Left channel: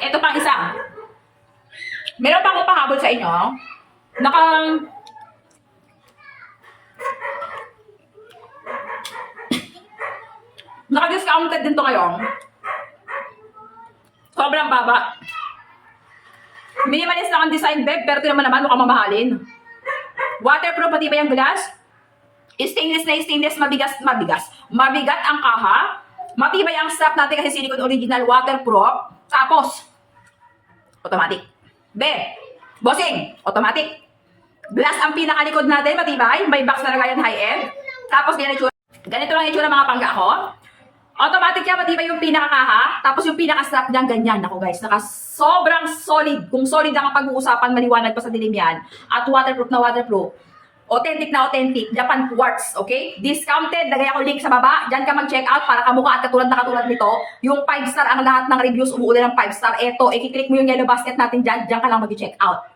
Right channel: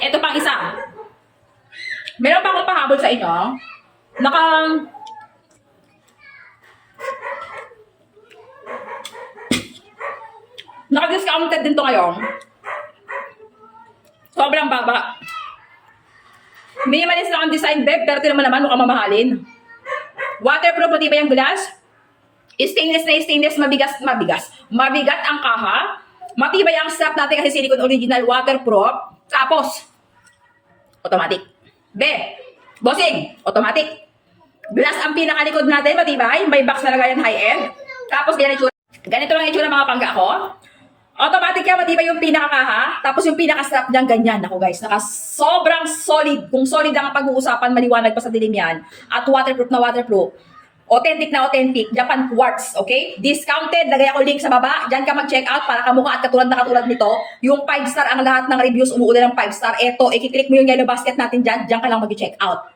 Ito pang isa. Meron pa akong pahabol sa inyo. Naka-discounted din to ngayon. Sobrang baba. Minimalist lang ang design, beb, pero ito naman mukhang mamahalin. Waterproof, matibay ang glass. Stainless na stainless, mabigat ang kaha. Matibay ang strap natin kasi silicone original, waterproof. Tapos, automatic. Bossing, automatic. Glass ang pinakalikod natin, matibay. May box na lagayan high-end. Tapos, ganito lang itsura mga pangga ko. Automatic yan, matibay yung pinakakaha. Tapos yung pinaka-strap dyan, ganyan. Ako guys, sobrang solid. Kung solid ang pag-uusapan, maliwanag pa sa dilim yan. At waterproof na waterproof. Authentic na authentic. Japan quartz, okay? Discounted. Lagay ako link sa baba. Diyan ka mag-check out para kamukha at katulad na katulad nito. Yung 5 star ang lahat ng reviews umuulan ng 5 star. Eto, i-click mo yung yellow basket natin dyan. Diyan ka lang mag-check out.